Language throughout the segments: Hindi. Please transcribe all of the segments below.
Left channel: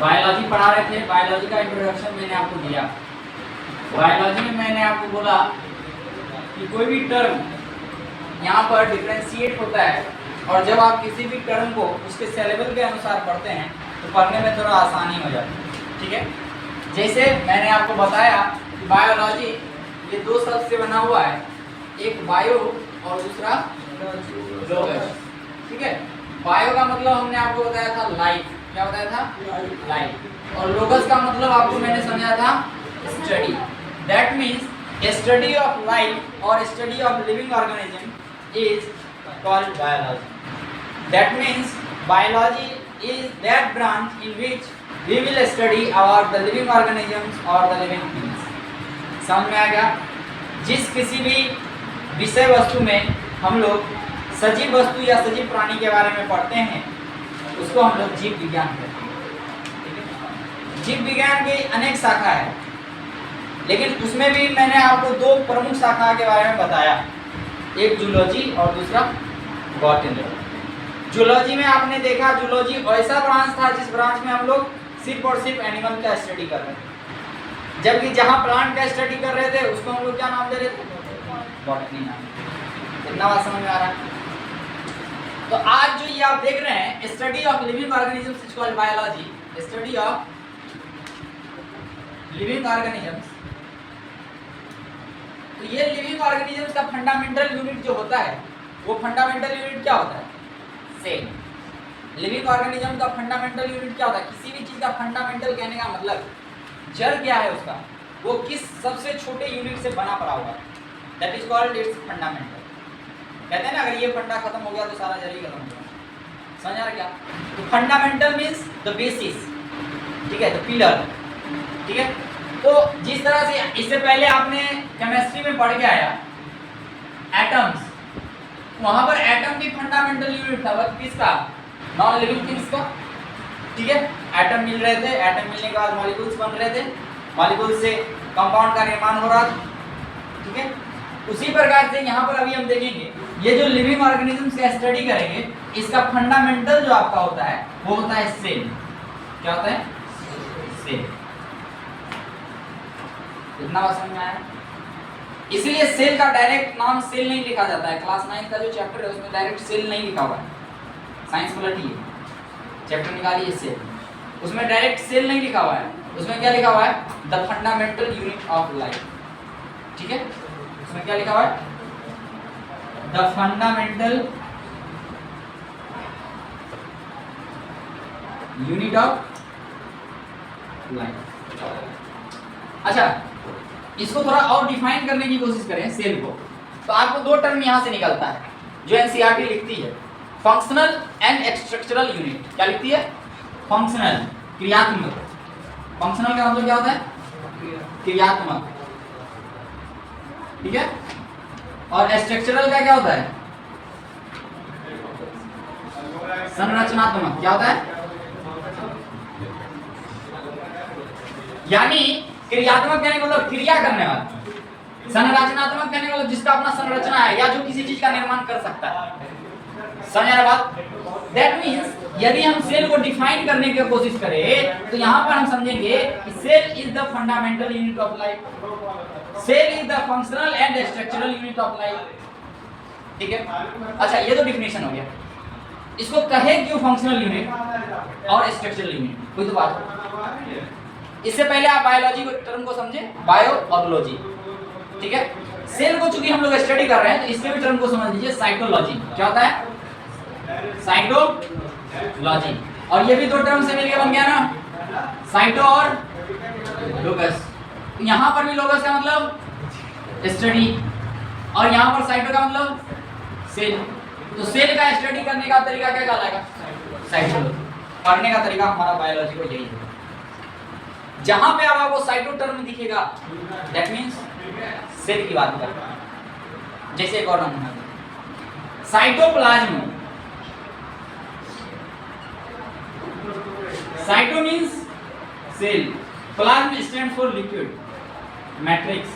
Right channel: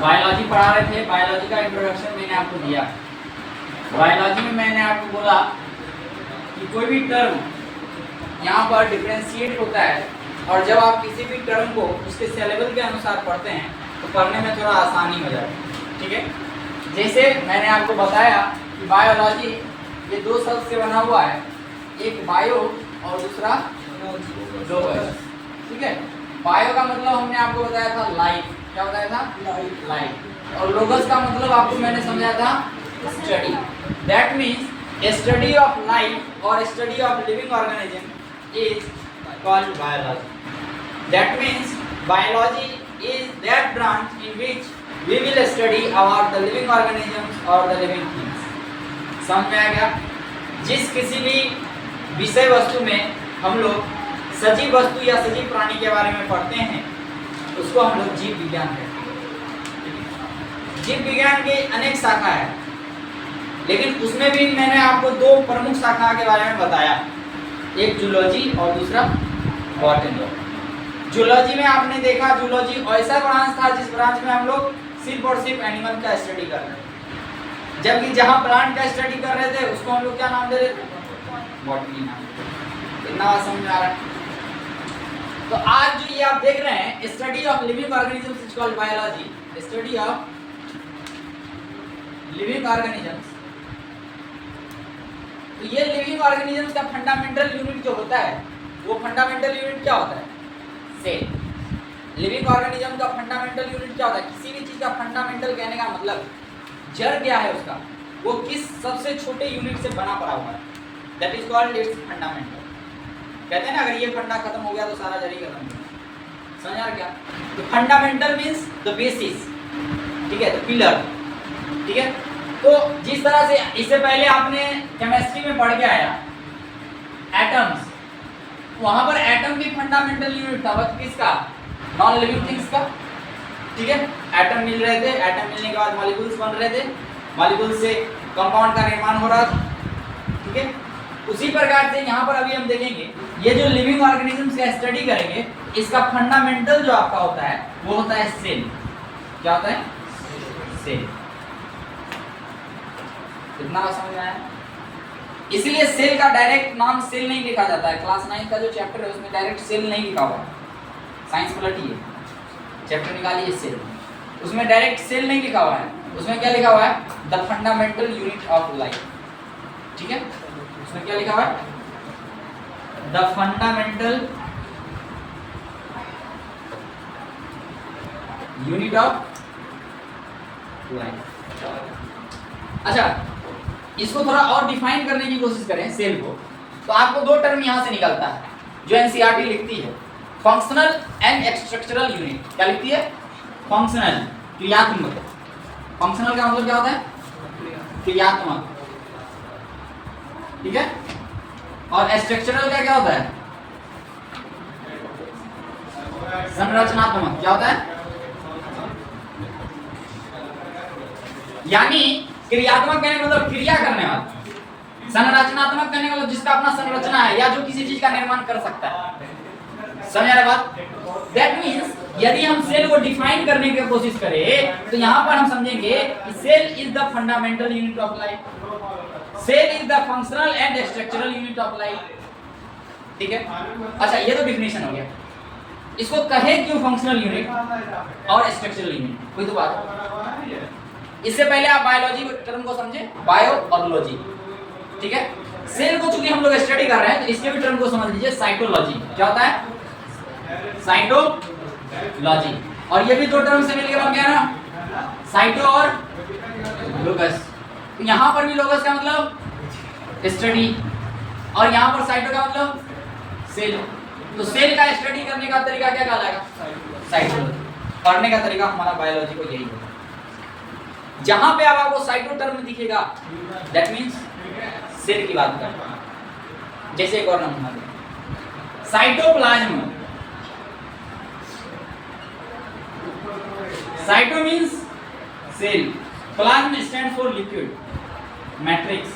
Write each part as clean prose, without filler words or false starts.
बायोलॉजी पढ़ा रहे थे, बायोलॉजी का इंट्रोडक्शन मैंने आपको दिया। बायोलॉजी में मैंने आपको बोला कि कोई भी टर्म यहाँ पर डिफरेंशिएट होता है, और जब आप किसी भी टर्म को उसके सिलेबल के अनुसार पढ़ते हैं तो पढ़ने में थोड़ा आसानी हो जाती है। ठीक है, जैसे मैंने आपको बताया कि बायोलॉजी ये दो शब्द से बना हुआ है, एक बायो और दूसरा लॉजी। ठीक है, बायो का मतलब हमने आपको बताया था लाइफ, क्या बताया था? लाइफ। और लोगस का मतलब आपको मैंने समझाया था study. That means study of life और study of living organism is called biology. That means biology is that branch in which we will study about the living organisms or the living things। समझ में आ गया? जिस किसी भी विषय वस्तु में हम लोग सजीव वस्तु या सजीव प्राणी के बारे में पढ़ते हैं उसको हम लोग जीव विज्ञान कहते हैं। जीव विज्ञान की अनेक शाखा है, लेकिन उसमें भी मैंने आपको दो प्रमुख शाखा के बारे में बताया, एक जूलॉजी और दूसरा बॉटनी। जूलॉजी में आपने देखा, जूलॉजी ऐसा ब्रांच था जिस ब्रांच में हम लोग सिर्फ और सिर्फ एनिमल का स्टडी कर रहे थे, जबकि जहां प्लांट का स्टडी कर रहे थे उसको हम लोग क्या नाम दे रहे थे? बॉटनी नाम। इतना बात समझ में आ रहा है? तो आज जो ये आप देख रहे हैं study of living organisms is called biology. Study of living organisms, तो ये लिविंग ऑर्गेनिजम्स का फंडामेंटल यूनिट जो होता है वो फंडामेंटल यूनिट क्या होता है? सेल। लिविंग ऑर्गेनिज्म का फंडामेंटल यूनिट क्या होता है? किसी भी चीज का फंडामेंटल कहने का मतलब जड़ क्या है उसका, वो किस सबसे छोटे यूनिट से बना पड़ा हुआ है, that is called its fundamental. कहते हैं ना अगर ये फंडा खत्म हो गया तो सारा जड़ ही खत्म हो गया। समझ आ रहा क्या? तो फंडामेंटल मींस द बेसिस, ठीक है, द पिलर। ठीक है, तो जिस तरह से इससे पहले आपने केमिस्ट्री में पढ़ के आया एटम्स, वहां पर एटम भी फंडामेंटल यूनिट था, वह किसका? नॉन लिविंग थिंग्स का। ठीक है, एटम मिल रहे थे, एटम मिलने के बाद मॉलिक्यूल्स बन रहे थे, मॉलिक्यूल्स से कंपाउंड का निर्माण हो रहा था। ठीक है, उसी प्रकार से यहाँ पर अभी हम देखेंगे ये जो लिविंग ऑर्गेनिज्म से स्टडी करेंगे, इसका फंडामेंटल जो आपका होता है वो होता है सेल। क्या होता है? सेल। इतना बात समझ में आया? इसलिए सेल का डायरेक्ट नाम सेल नहीं लिखा जाता है। क्लास 9 का जो चैप्टर है उसमें डायरेक्ट सेल नहीं लिखा हुआ है, साइंस पलटिए, चैप्टर निकालिए सेल, उसमें डायरेक्ट सेल नहीं लिखा हुआ है। उसमें क्या लिखा हुआ है? The fundamental unit of life. ठीक है, उसमें क्या लिखा हुआ है? The fundamental unit of life. अच्छा, इसको थोड़ा और डिफाइन करने की कोशिश करें सेल को, तो आपको दो टर्म यहां से निकलता है जो एनसीईआरटी लिखती है, फंक्शनल एंड स्ट्रक्चरल यूनिट। क्या लिखती है? फंक्शनल, क्रियात्मक। फंक्शनल का मतलब क्या होता है? क्रियात्मक। ठीक है, और स्ट्रक्चरल का क्या होता है? संरचनात्मक। क्या होता है? यानी क्रियात्मक कहने का मतलब क्रिया करने वाला, संरचनात्मक कहने का मतलब जिसका अपना संरचना है या जो किसी चीज का निर्माण कर सकता है। समझ आ रहा बात? दैट मींस यदि हम सेल को डिफाइन करने की कोशिश करें तो यहाँ पर हम समझेंगे कि cell is the fundamental unit of life, cell is the functional and structural unit of life. ठीक है, अच्छा ये तो डिफिनेशन हो गया। इसको कहे क्यों फंक्शनल यूनिट और स्ट्रक्चरल यूनिट? कोई तो बात। इससे पहले आप बायोलॉजी को टर्म को समझे, बायो और लॉजी। ठीक है, सेल को चूंकि हम लोग स्टडी कर रहे हैं तो इसके भी टर्म को समझ लीजिए, साइटोलॉजी। क्या होता है? साइटोलॉजी। और ये भी दो टर्म से मिलकर बन गया ना, साइटो और लोकस। यहाँ पर भी लोकस का मतलब स्टडी और यहाँ पर साइटो का मतलब सेल। तो सेल का स्टडी करने का तरीका क्या कहलाएगा? साइटोलॉजी। पढ़ने का तरीका हमारा बायोलॉजी को यही है। जहां पे अब आपको साइटो टर्म दिखेगा दैट मींस सेल की बात कर रहा है। जैसे एक और नमूना दे, cytoplasm. Cyto means cell, plasm stand for liquid, matrix.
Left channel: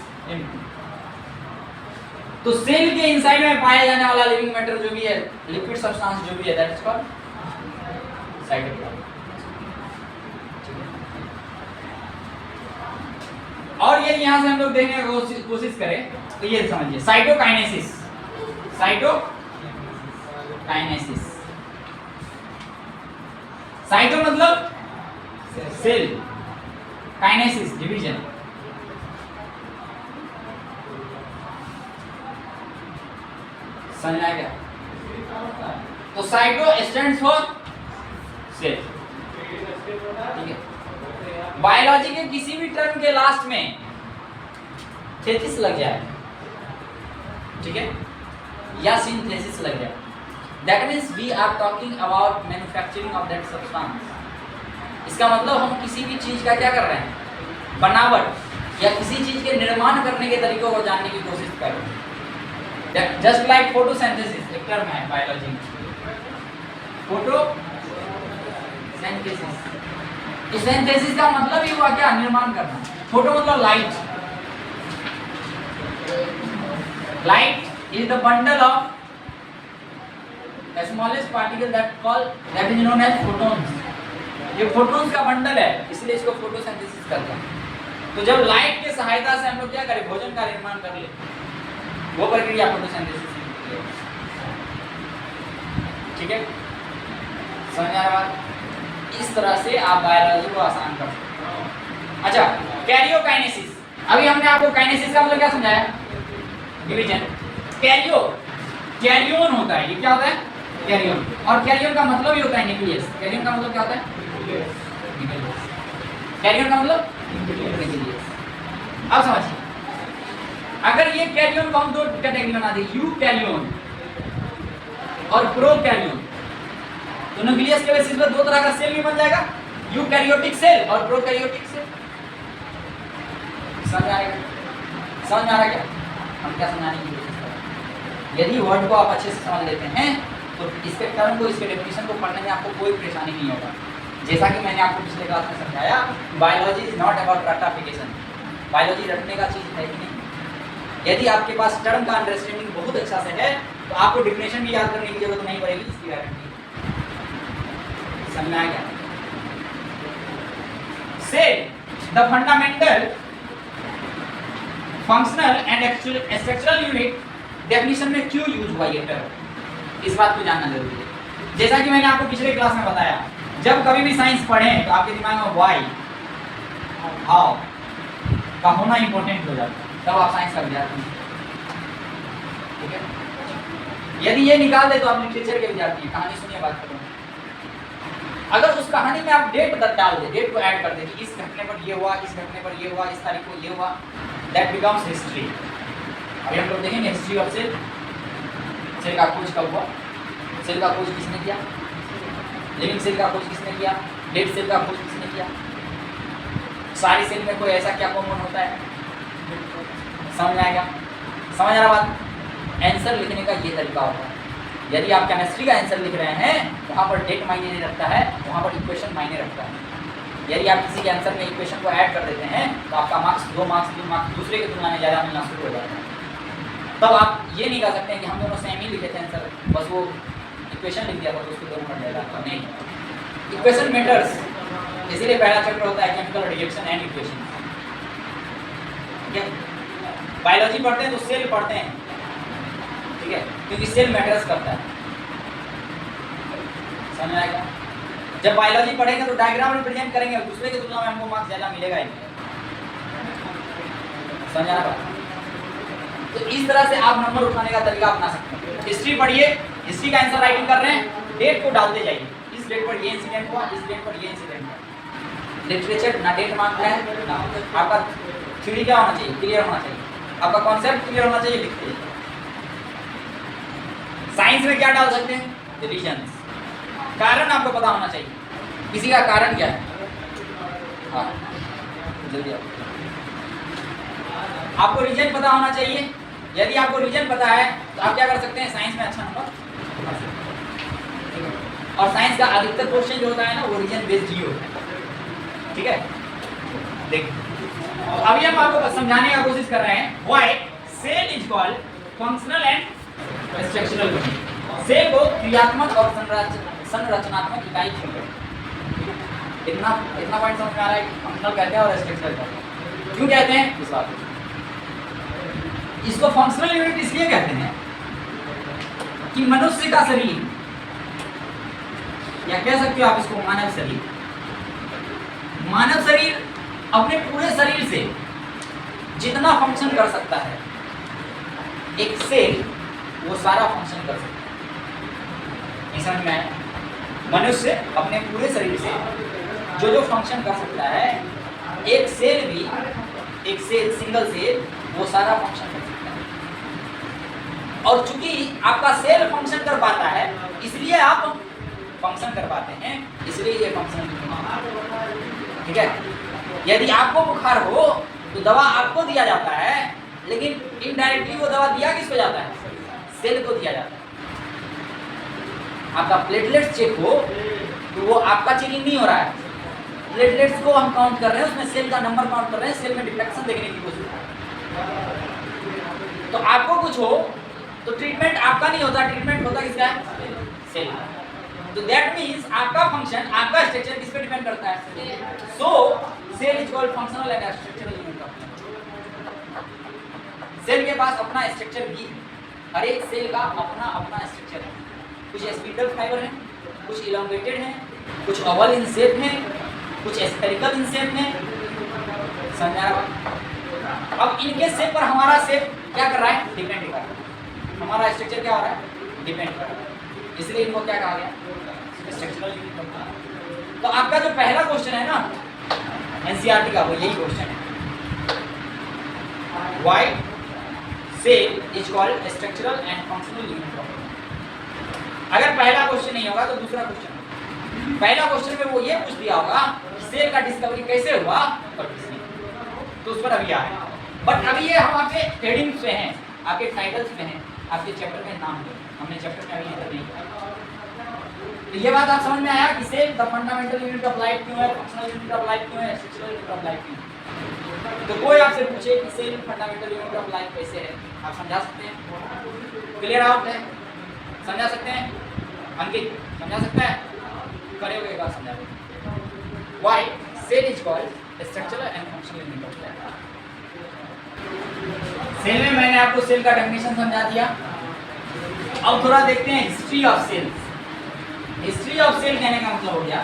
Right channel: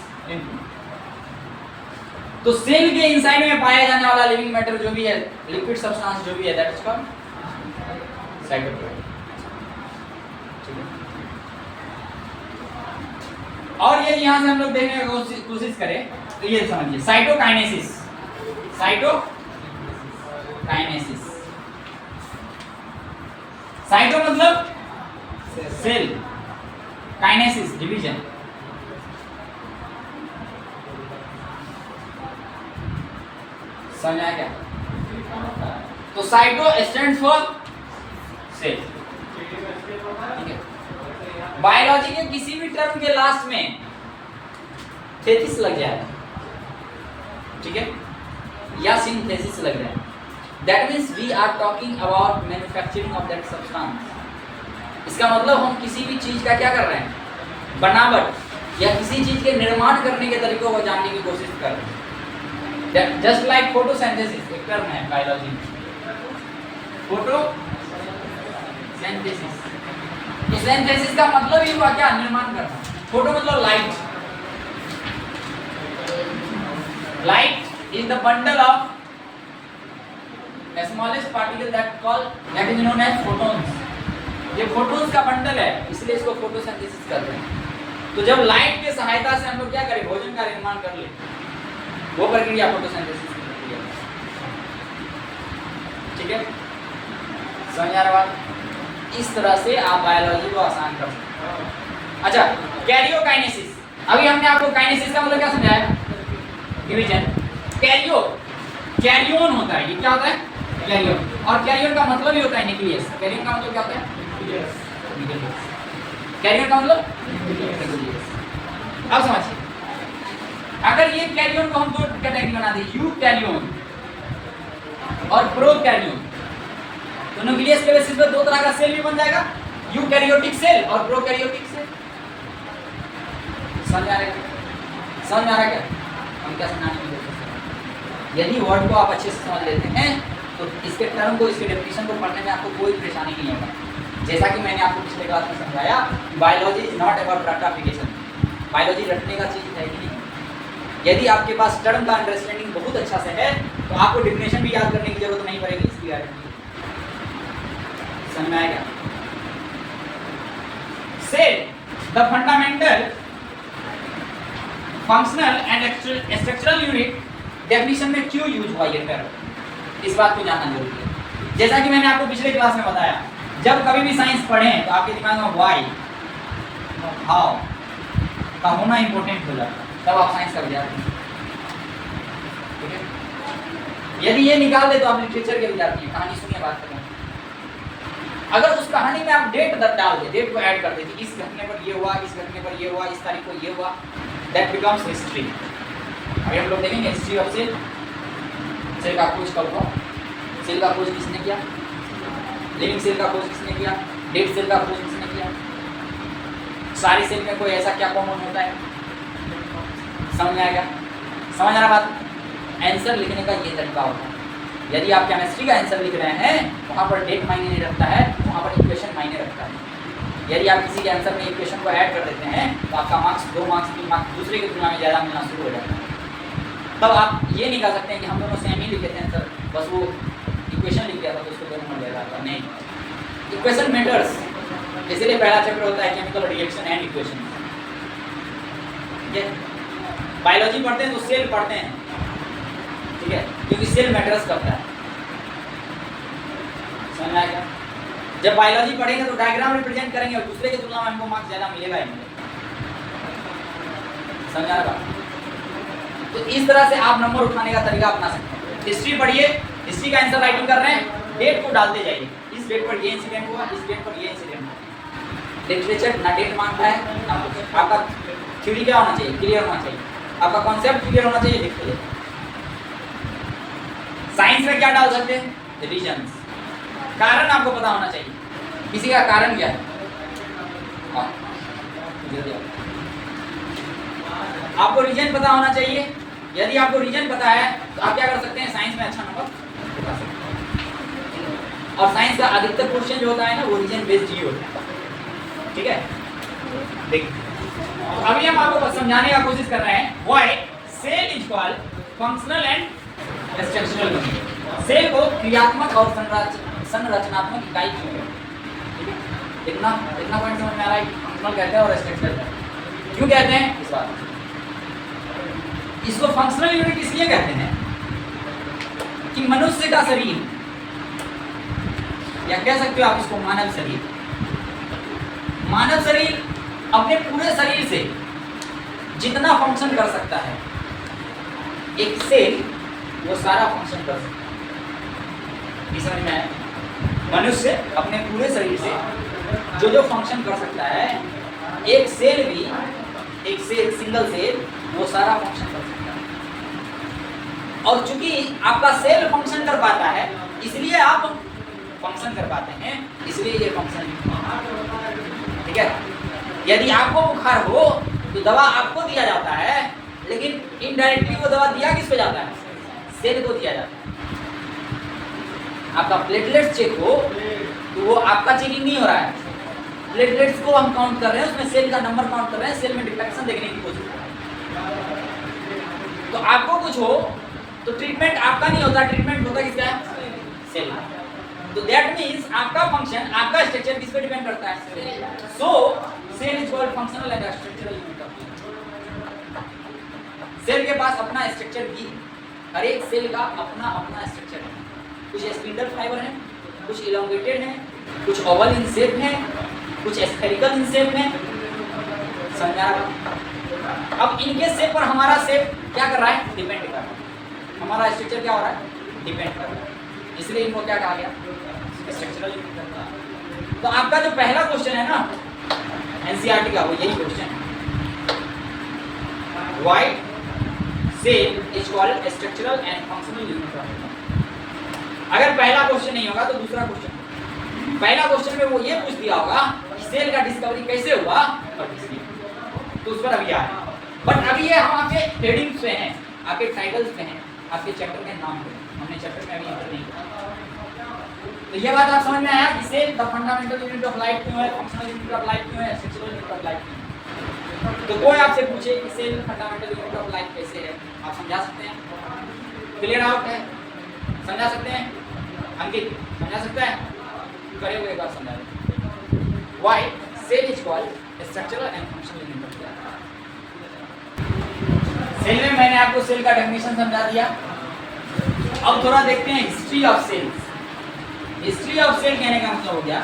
तो सेल के इनसाइड में पाया जाने वाला लिविंग मैटर जो भी है, लिक्विड सब्सटेंस जो भी है, दैट इज कॉल्ड साइटोप्लाज्म। और ये यहां से हम लोग देखने की कोशिश करें तो ये समझिए साइटोकाइनेसिस। साइटोकाइनेसिस, साइटो मतलब सेल, काइनेसिस डिवीजन। समझ आया क्या? तो साइटो स्टैंड्स फॉर सेल, ठीक है। बायोलॉजी के किसी भी टर्म के लास्ट में 33 लग जाए, ठीक है, या सिंथेसिस लग जाए, that means we are talking about manufacturing of that substance. इसका मतलब हम किसी भी चीज का क्या कर रहे हैं, बनावट या किसी चीज के निर्माण करने के तरीकों को जानने की कोशिश कर रहे हैं। जस्ट लाइक फोटोसिंथेसिस एक टर्म है बायोलॉजी में, फोटोसिंथेसिस। तो सिंथेसिस का मतलब ही हुआ क्या, निर्माण करना। फोटो मतलब light, light is the bundle of smallest particle that is known as photons। ये photons का बंडल है, इसलिए इसको फोटोसिंथेसिस कहते हैं। तो जब लाइट की सहायता से हम लोग क्या करें, भोजन का निर्माण कर ले, वो प्रक्रिया फोटोसिंथेसिस की, ठीक है। समझ आ रहा बात? इस तरह से आप बायोलॉजी को आसान कर सकते हैं। अच्छा, कैरियोकाइनेसिस। अभी हमने आपको काइनेसिस का मतलब क्या समझाया, डिवीजन। कैरियोन होता है, ये क्या होता है, कैरियोन। और कैरियोन का मतलब ही होता है न्यूक्लियस। कैरियोन का मतलब क्या होता है, कैरियोन का मतलब न्यूक्लियस। अब समझिए, अगर ये कैरियोन को हम दो कैटेगरी बना दें, यूकैरियोन और प्रोकैरियोन, तो न्यूक्लियस के बेसिस पर दो तरह का सेल भी बन जाएगा, यूकैरियोटिक सेल और प्रोकैरियोटिक सेल। समझ आ रहा है क्या? समझ आ रहा है क्या? हम क्या समझाने की कोशिश कर रहे हैं? यदि वर्ड को आप अच्छे से समझ लेते हैं तो इसके टर्म को, इसके डेफिनेशन को पढ़ने में आपको कोई परेशानी नहीं होगा। जैसा कि मैंने आपको पिछले क्लास में समझाया, बायोलॉजी इज नॉट अबाउट रट्टाफिकेशन। बायोलॉजी रटने का चीज है कि नहीं। यदि आपके पास टर्म का अंडरस्टैंडिंग बहुत अच्छा से है तो आपको डेफिनेशन भी याद करने की जरूरत नहीं पड़ेगी, इसकी गारंटी। समझ में आया क्या? Cell the fundamental functional and structural unit. Definition में क्यों यूज हुआ ये टर्म, इस बात को जानना जरूरी है। जैसा कि मैंने आपको पिछले क्लास में बताया, जब कभी भी साइंस पढ़ें तो आपके दिमाग में व्हाई, हाउ का होना इंपॉर्टेंट हो जाता है, तब आप साइंस का विद्यार्थी हैं, ठीक है। यदि ये निकाल दे तो आप लिटरेचर के विद्यार्थी हैं। कहानी सुनिए, बात करें। अगर उस कहानी में आप डेट डाल दे, डेट को ऐड कर दे कि इस घटने पर ये हुआ, इस घटने पर ये हुआ, इस तारीख को ये हुआ, दैट बिकम्स हिस्ट्री। अभी हम लोग देखेंगे हिस्ट्री ऑफ सेल। सेल का खोज कब हुआ, सेल का खोज किसने किया, लिविंग सेल का खोज किसने किया, डेड सेल का खोज किसने किया, सारी सेल में कोई ऐसा क्या कॉमन होता है। समझ में आएगा? समझ आ रहा बात? आंसर लिखने का ये तरीका होता है। यदि आप केमिस्ट्री का आंसर लिख रहे हैं, वहाँ पर डेट मायने नहीं रखता है, वहाँ पर इक्वेशन मायने रखता है। यदि आप किसी के आंसर में इक्वेशन को ऐड कर देते हैं तो आपका मार्क्स 2 मार्क्स 3 मार्क्स दूसरे की तुलना में ज़्यादा मिलना शुरू हो जाता है। तब आप ये नहीं कह सकते हैं कि हम दोनों सेम ही लिखे थे आंसर, बस वो इक्वेशन लिख दिया था तो उसको 2 नंबर ज़्यादा आता। नहीं, इक्वेशन मैटर्स। इसीलिए पहला चैप्टर होता है केमिकल रिएक्शन एंड इक्वेशन, ठीक है। बायोलॉजी पढ़ते हैं तो सेल पढ़ते हैं, ठीक है, क्योंकि सेल मैटर्स करता है। समझ आएगा? जब बायोलॉजी पढ़ेंगे तो डायग्राम रिप्रेजेंट करेंगे और दूसरे की तुलना में हमको मार्क्स ज़्यादा मिलेगा ही नहीं। समझ आ रहा बात? तो इस तरह से आप नंबर उठाने का तरीका अपना सकते हैं। हिस्ट्री पढ़िए, हिस्ट्री का आंसर राइटिंग कर रहे हैं, डेट को डालते जाइए, इस डेट पर ये इंसिडेंट हुआ, इस डेट पर ये इंसिडेंट हुआ। लिटरेचर ना डेट मांगता है ना कुछ, आपका थ्योरी क्या होना चाहिए, क्लियर होना चाहिए, आपका कॉन्सेप्ट क्लियर होना चाहिए, लिखते जाइए। साइंस में क्या डाल सकते हैं, रीजंस। कारण आपको पता होना चाहिए, किसी का कारण क्या है। हाँ, जल्दी आपको रीजन पता होना चाहिए। यदि आपको रीजन पता है तो आप क्या कर सकते हैं, साइंस में अच्छा नंबर पा सकते हैं। और साइंस का अधिकतर क्वेश्चन जो होता है ना, वो रीजन बेस्ड ही होता है, ठीक है। देखिए, तो अभी हम आपको समझाने का कोशिश कर रहे हैं why cell is called functional and structural unit. Cell को क्रियात्मक और संरचनात्मक इकाई क्यों कहते हैं, ठीक है। इतना इतना पॉइंट समझ में आ रहा है कि फंक्शनल कहते हैं और स्ट्रक्चरल कहते हैं। क्यों कहते हैं इस बात को? इसको फंक्शनल यूनिट इसलिए कहते हैं कि मनुष्य का शरीर, या कह सकते हो आप इसको मानव शरीर, मानव शरीर अपने पूरे शरीर से जितना फंक्शन कर सकता है, एक सेल वो सारा फंक्शन कर सकता है। समझ में आया? मनुष्य अपने पूरे शरीर से जो जो फंक्शन कर सकता है, एक सेल भी, एक सेल, सिंगल सेल, वो सारा फंक्शन कर सकता है। और चूंकि आपका सेल फंक्शन कर पाता है, इसलिए आप फंक्शन कर पाते हैं, इसलिए ये फंक्शन। ठीक है? यदि आपको बुखार हो तो दवा आपको दिया जाता है, लेकिन इनडायरेक्टली वो दवा दिया किसको जाता है? सेल को दिया जाता है। आपका प्लेटलेट्स चेक हो तो वो आपका चेकिंग नहीं हो रहा है, प्लेटलेट्स को हम काउंट कर रहे हैं, उसमें सेल का नंबर काउंट कर रहे हैं, सेल में डिटेक्शन देखने की कोशिश कर रहे हैं। तो आपको कुछ हो तो ट्रीटमेंट आपका नहीं होता, ट्रीटमेंट होता किसका है? सेल। तो दैट मीन्स आपका फंक्शन, आपका स्ट्रक्चर किस पे डिपेंड करता है? So cell is called functional and structural unit of cell. के पास अपना स्ट्रक्चर भी, हर एक सेल का अपना अपना स्ट्रक्चर है। कुछ स्पिंडल फाइबर है, कुछ इलोंगेटेड है, कुछ ओवल इन शेप है, कुछ स्फेरिकल इन शेप है। समझा? अब इनके शेप पर हमारा शेप क्या कर रहा है? डिपेंड कर रहा है। हमारा स्ट्रक्चर क्या हो रहा है? डिपेंड कर रहा है। इसलिए इनको क्या कहा गया? Structural unit. तो आपका जो पहला क्वेश्चन है ना एनसीईआरटी का, वो यही क्वेश्चन है, why cell is called structural and functional unit of. अगर पहला क्वेश्चन नहीं होगा तो दूसरा क्वेश्चन। पहला क्वेश्चन में वो ये पूछ दिया होगा कि सेल का डिस्कवरी कैसे हुआ और किसने, तो उस पर अभी आ रहे हैं। बट अभी ये हम आपके हेडिंग्स पे हैं, आपके टाइटल्स पे हैं, आपके चैप्टर के नाम पे। हमने चैप्टर में अभी एंटर नहीं किया। तो ये बात आप समझ में आया कि cell the fundamental unit of life क्यों है, फंक्शनल यूनिट ऑफ लाइफ क्यों है, स्ट्रक्चरल यूनिट ऑफ लाइफ क्यों है। तो कोई आपसे पूछे कि cell fundamental unit of life कैसे है, आप समझा सकते हैं? क्लियर आउट है? समझा सकते हैं? अंकित समझा सकता है? खड़े होकर एक बार समझा दो। Why cell is called structural and functional unit of life. Cell में मैंने आपको सेल का डेफिनेशन समझा दिया। अब थोड़ा देखते हैं history of cells. History of cell कहने का मतलब हो गया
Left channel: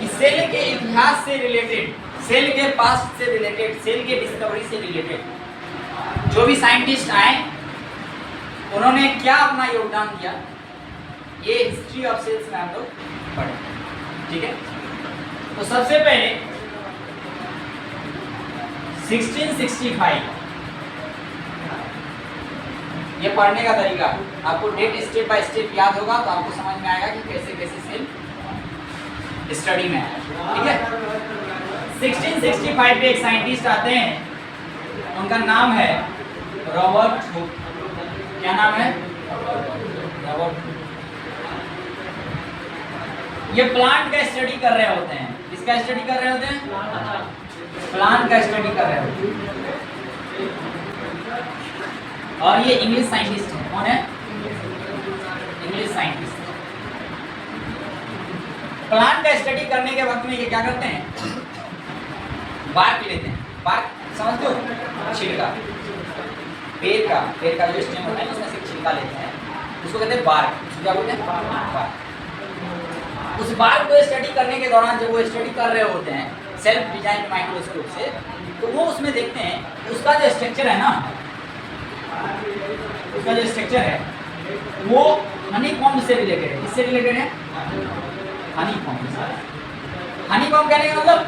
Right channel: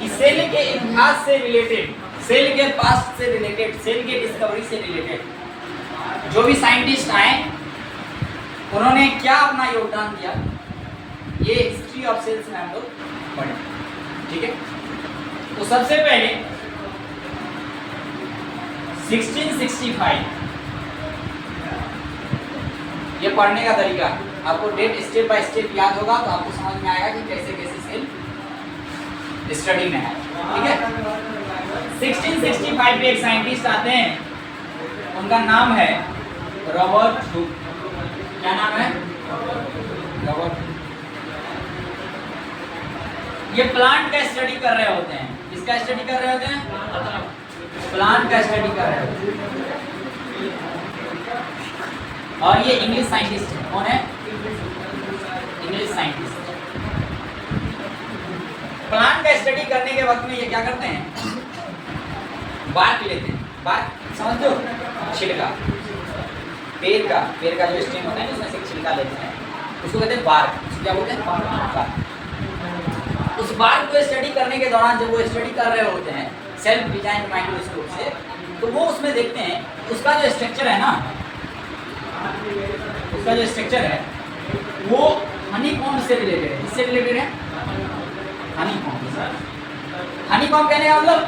कि सेल के इतिहास से रिलेटेड, सेल के पास्ट से रिलेटेड, सेल के डिस्कवरी से रिलेटेड जो भी साइंटिस्ट आए उन्होंने क्या अपना योगदान दिया, ये हिस्ट्री ऑफ सेल्स में हम लोग पढ़े। ठीक है? तो सबसे पहले 1665, ये पढ़ने का तरीका, आपको डेट स्टेप बाय स्टेप याद होगा तो आपको समझ में आएगा कि कैसे कैसे सेल स्टडी में है। ठीक है? 1665 में एक साइंटिस्ट आते हैं, उनका नाम है रॉबर्ट हुक। क्या नाम है? Robert Hooke. ये प्लांट का स्टडी कर रहे होते हैं। किसका स्टडी कर रहे होते हैं? प्लांट का स्टडी कर रहे होते हैं। और ये इंग्लिश साइंटिस्ट है। कौन है? English scientist. प्लांट का स्टडी करने के वक्त में ये क्या करते हैं? बार्क लेते हैं। बार्क समझते हो? छिलका, पेड़ का जो स्टेम होता है उसमें से छिलका लेते हैं, उसको कहते हैं बार्क। उसको क्या बोलते हैं? बार्क। उस बार्क को स्टडी करने के दौरान जब वो स्टडी कर रहे होते हैं सेल्फ डिजाइन माइक्रोस्कोप से, तो वो उसमें देखते हैं उसका जो स्ट्रक्चर है ना, उसका जो स्ट्रक्चर है वो हनी कॉम्ब से रिलेटेड है। किससे रिलेटेड है? हनी कॉम्ब। हनी कॉम्ब कहने का मतलब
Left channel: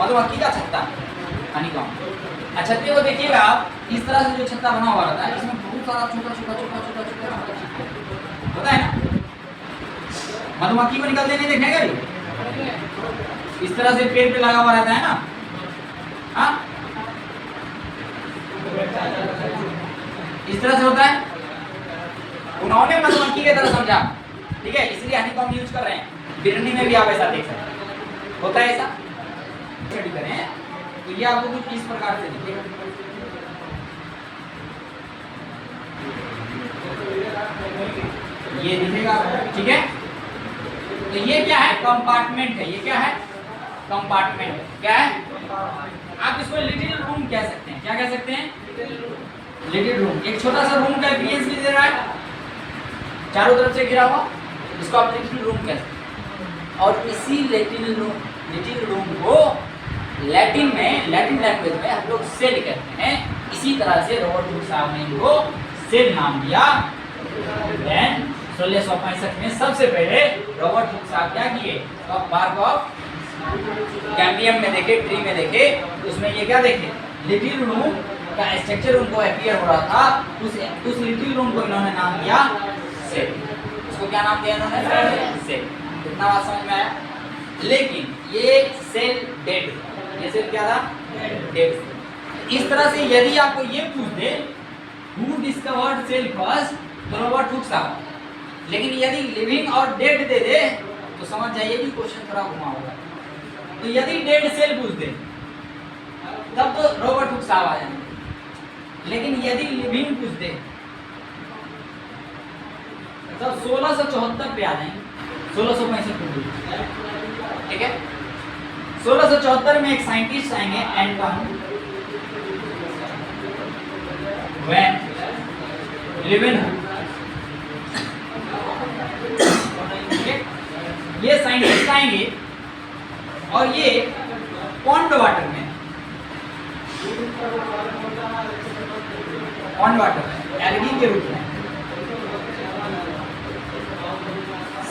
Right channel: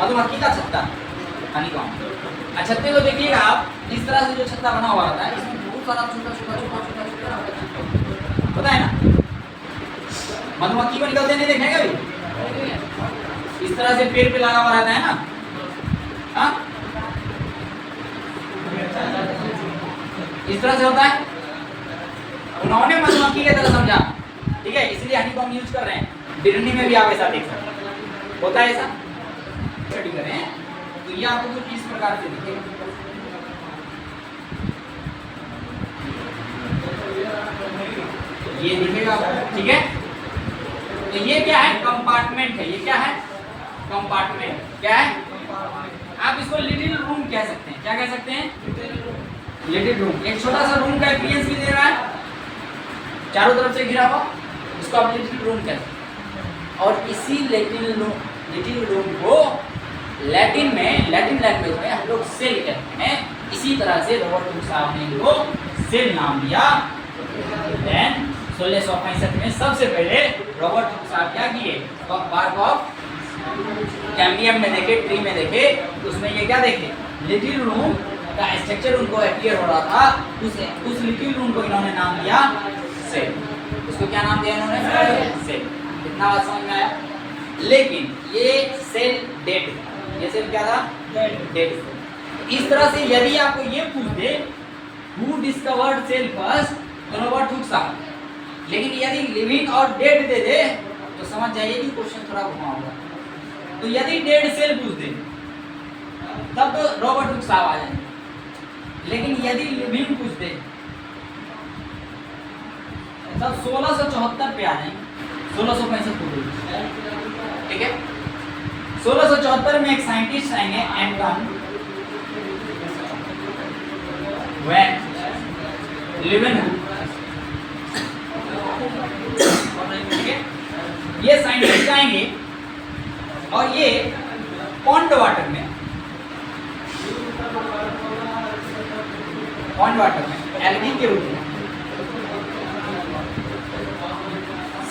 मधुमक्खी का छत्ता, हनी कॉम्ब। छत्ते को देखिएगा आप, इस तरह से जो छत्ता बना हुआ रहता है, इसमें बहुत सारा छोटा होता है ना। मधुमक्खी को निकलते नहीं देखेंगे अभी, इस तरह से पेड़ पे लगा हुआ रहता है ना। हाँ, इस तरह से होता है। उन्होंने मधुमक्खी की तरह समझा। ठीक है? इसलिए हनी कॉम्ब यूज कर रहे हैं। बिरनी में भी आप ऐसा देख सकते हैं, होता है ऐसा। स्टडी करें तो ये आपको कुछ इस प्रकार से दिखेगा। ये दिखेगा, ठीक है। तो ये क्या है, कंपार्टमेंट है। ये क्या है, कंपार्टमेंट। क्या है, आप इसको लिटिल रूम कह सकते हैं। क्या कह सकते हैं, लिटिल रूम। एक छोटा सा रूम का अपीयरेंस भी दे रहा है, चारों तरफ से घिरा हुआ, इसको आप लिटिल रूम कहते हैं। और इसी लिटिल रूम को लैटिन में, लैटिन लैंग्वेज में हम लोग सेल कहते हैं। इसी तरह से रॉबर्ट हुक साहब ने इनको सेल नाम दिया। देन 1665 में सबसे पहले रॉबर्ट हुक साहब क्या किए, बार्क ऑफ कैम्बियम में देखे, ट्री में देखे, उसमें ये क्या देखे, लिटिल रूम का स्ट्रक्चर उनको अपीयर हो रहा था। उस लिटिल रूम को इन्होंने नाम दिया सेल। उसको क्या नाम दिया इन्होंने, सेल। इतना बात समझ में आया। लेकिन ये सेल डेड, ये सेल क्या था, डेड। इस तरह से यदि आपको ये पूछ दे हु डिस्कवर्ड सेल फर्स्ट, तो रॉबर्ट हुक साहब। लेकिन यदि लिविंग और डेड दे दे तो समझ जाइए कि क्वेश्चन थोड़ा घुमा होगा। तो यदि डेड सेल पूछ दे तब तो रॉबर्ट हुक साहब आ जाएंगे। लेकिन यदि लिविंग पूछ दे तब 1674 पे आ जाएंगे, 1665 पूर्व, ठीक है। 1674 में एक साइंटिस्ट आएंगे, एंटन वैन लीवेनहुक, ठीक है। ये साइंटिस्ट आएंगे और ये पॉन्ड वाटर में, पॉन्ड वाटर में एल्गी के रूप में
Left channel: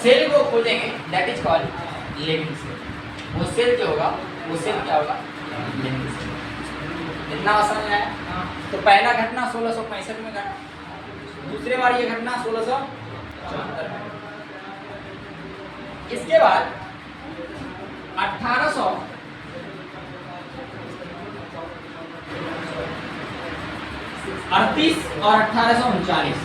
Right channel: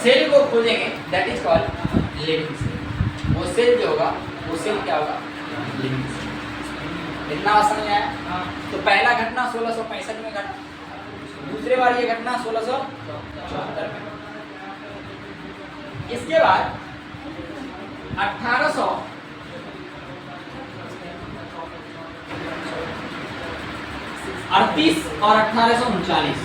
सेल को खोजेंगे, that is called living cell. वो सेल जो होगा, वो सेल क्या होगा, लिविंग सेल। इतना समझ में आया। तो पहला घटना 1665 में घटा, दूसरे बार ये घटना 1674 में। इसके बाद 1838 और 1839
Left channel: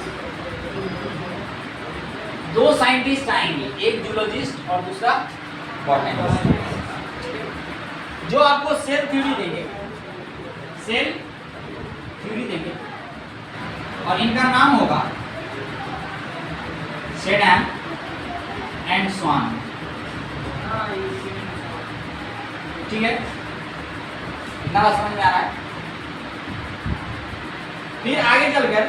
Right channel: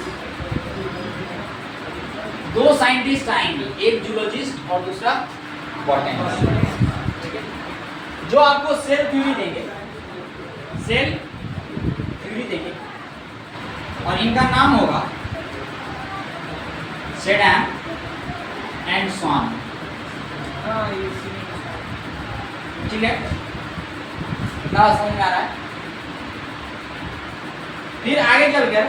दो साइंटिस्ट आएंगे, एक जूलॉजिस्ट और दूसरा बॉटनिस्ट, जो आपको सेल थ्योरी देंगे, सेल थ्योरी देंगे। और इनका नाम होगा सेडैन एंड स्वान, ठीक है। इतना समझ में आ रहा है। फिर आगे चलकर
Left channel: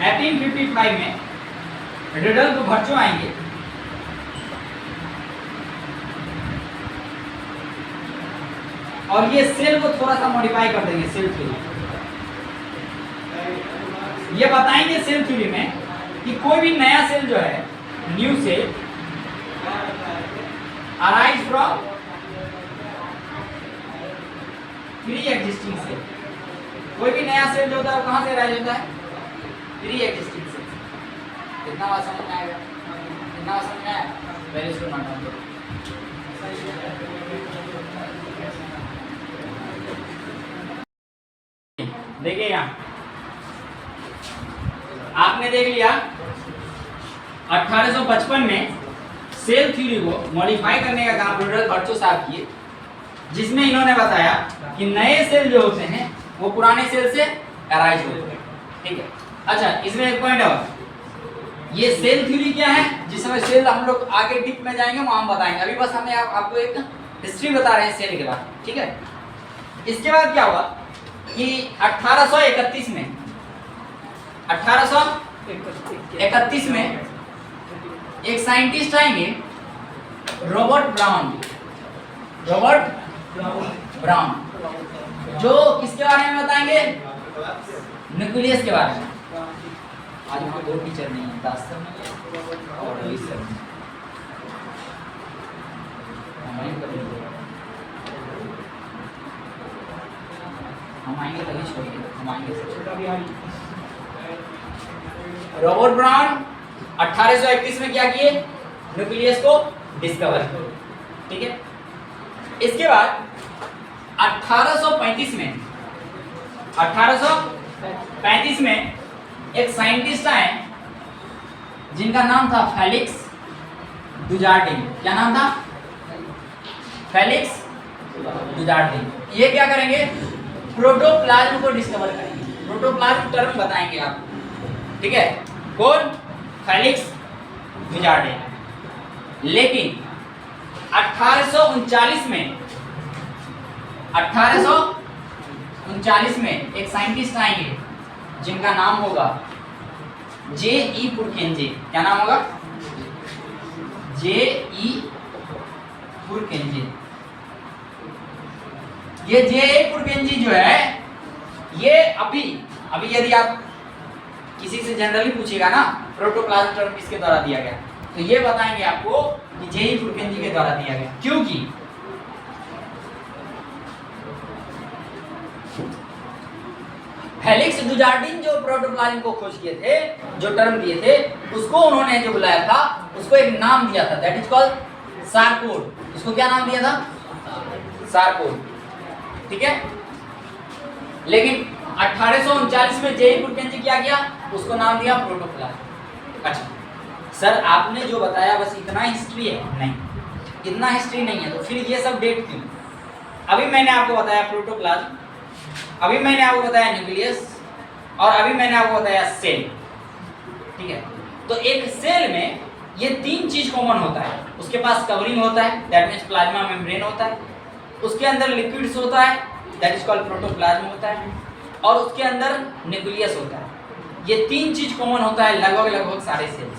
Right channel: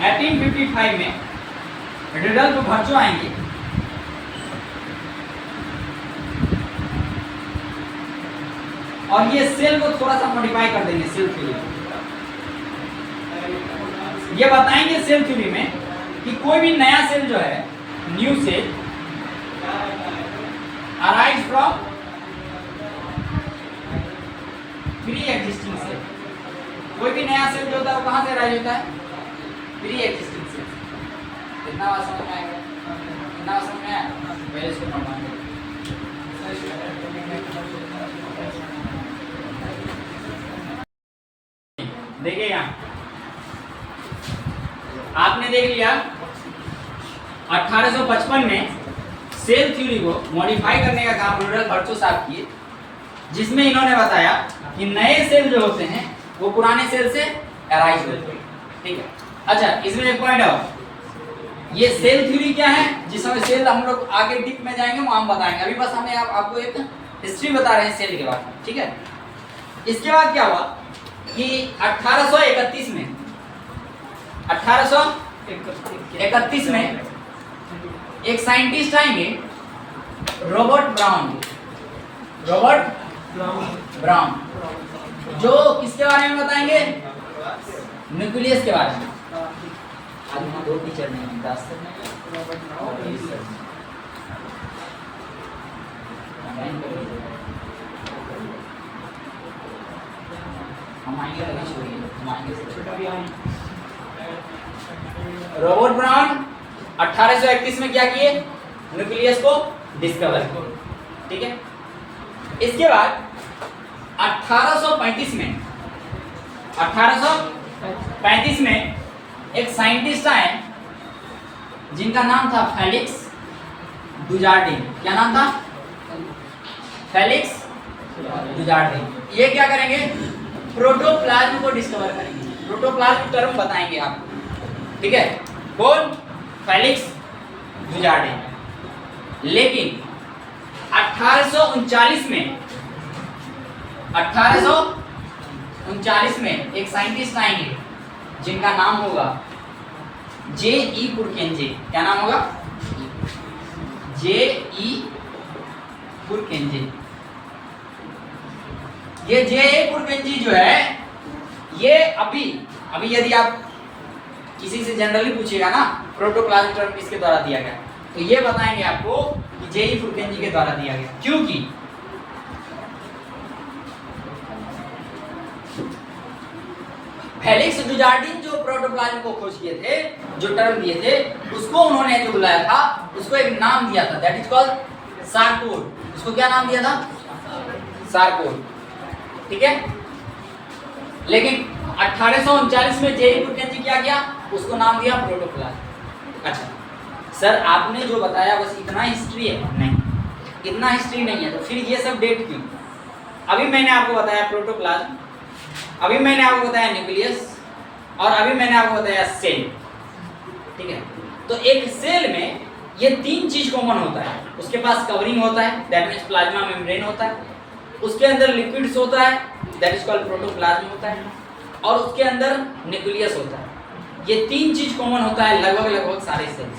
1855 में रुडोल्फ वर्चो आएंगे, और ये सेल को थोड़ा सा मॉडिफाई कर देंगे, सेल थ्योरी। ये बताएंगे सेल थ्योरी में कि कोई भी नया सेल जो है, new cell arise from pre existing cell. कोई भी नया सेल जो होता है वो कहां से अराइज होता है, प्री एग्जिस्टिंग सेल। इतना बात समझ में आएगा, इतना बात समझ में आया। पहले इसको नोट डाउन करो। देखिएगा, आपने देख लिया 1855 में सेल थ्योरी को मॉडिफाई करने का काम रुडोल्फ वर्चो साहब किए, जिसमें इन्होंने बताया कि नए सेल जो होते हैं वो पुराने सेल से अराइज होते हैं, ठीक है। अच्छा, इसमें एक पॉइंट और, ये सेल थ्योरी क्या है, जिसमें सेल हम लोग आगे डीप में जाएंगे वो हम बताएंगे। अभी बस हमें आपको एक हिस्ट्री बता रहे हैं सेल के बारे में, ठीक है। इसके बाद क्या हुआ कि 1831 में एक साइंटिस्ट आएंगे, रॉबर्ट ब्राउन, जो किसके बारे में बताएंगे, न्यूक्लियस के बारे में। आज वहाँ दो टीचर नहीं है, दास सर नहीं और रईस सर नहीं। हम आएंगे तभी छोड़िए, हम आएंगे। रॉबर्ट ब्राउन 1831 में क्या किए, न्यूक्लियस को डिस्कवर, ठीक है। इसके बाद 1835 में एक साइंटिस्ट आए जिनका नाम था फेलिक्स डुजार्डिन। क्या नाम था, फेलिक्स डुजार्डिन। ये क्या करेंगे, प्रोटोप्लाज्म को डिस्कवर करेंगे। प्रोटोप्लाज्म टर्म बताएंगे आपको, ठीक है, कौन? फेलिक्स डुजार्डिन। लेकिन 1839 में एक साइंटिस्ट आएंगे जिनका नाम होगा J.E. पुरकेंजे। क्या नाम होगा? J.E. पुरकेंजे। ये J.E. पुरकेंजी जो है, ये अभी यदि आप किसी से जनरली पूछेगा ना प्रोटोप्लाज्म टर्म किसके द्वारा दिया गया, तो ये बताएंगे आपको कि J.E. पुरकेंजी के द्वारा दिया गया। क्योंकि फेलिक्स डुजार्डिन जो प्रोटोप्लाज्म को खोज किए थे, जो टर्म दिए थे, उसको उन्होंने जो बुलाया था, उसको एक नाम दिया था, दैट इज कॉल्ड सारकोड। उसको क्या नाम दिया था? सारकोड। ठीक है। लेकिन 1839 में J.E. पुरकेंजी क्या किया? उसको नाम दिया प्रोटोप्लाज्म। अच्छा सर, आपने जो बताया बस इतना हिस्ट्री है? नहीं, इतना हिस्ट्री नहीं है। तो फिर ये सब डेट क्यों? अभी मैंने आपको बताया प्रोटोप्लाज्म, अभी मैंने आपको बताया न्यूक्लियस, और अभी मैंने आपको बताया सेल। ठीक है। तो एक सेल में ये तीन चीज कॉमन होता है। उसके पास कवरिंग होता है, दैट मींस प्लाज्मा मेम्ब्रेन होता है। उसके अंदर लिक्विड्स होता है, दैट इज कॉल्ड प्रोटोप्लाज्म होता है। और उसके अंदर न्यूक्लियस होता है। ये तीन चीज कॉमन होता है लगभग सारे सेल्स।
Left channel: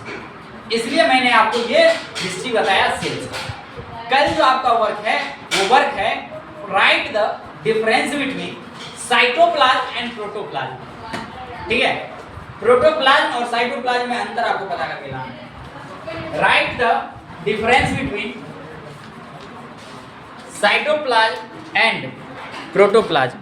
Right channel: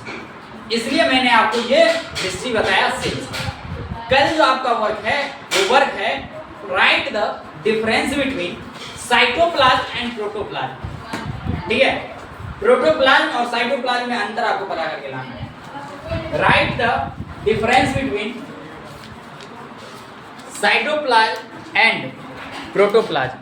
इसलिए मैंने आपको ये हिस्ट्री बताया सेल्स। कल जो आपका वर्क है, वो वर्क है right the difference between cytoplasm and protoplasm. ठीक है। प्रोटोप्लाज्म और साइटोप्लाज्म में अंतर आपको पता करके लाना है। Right the difference between cytoplasm and protoplasm.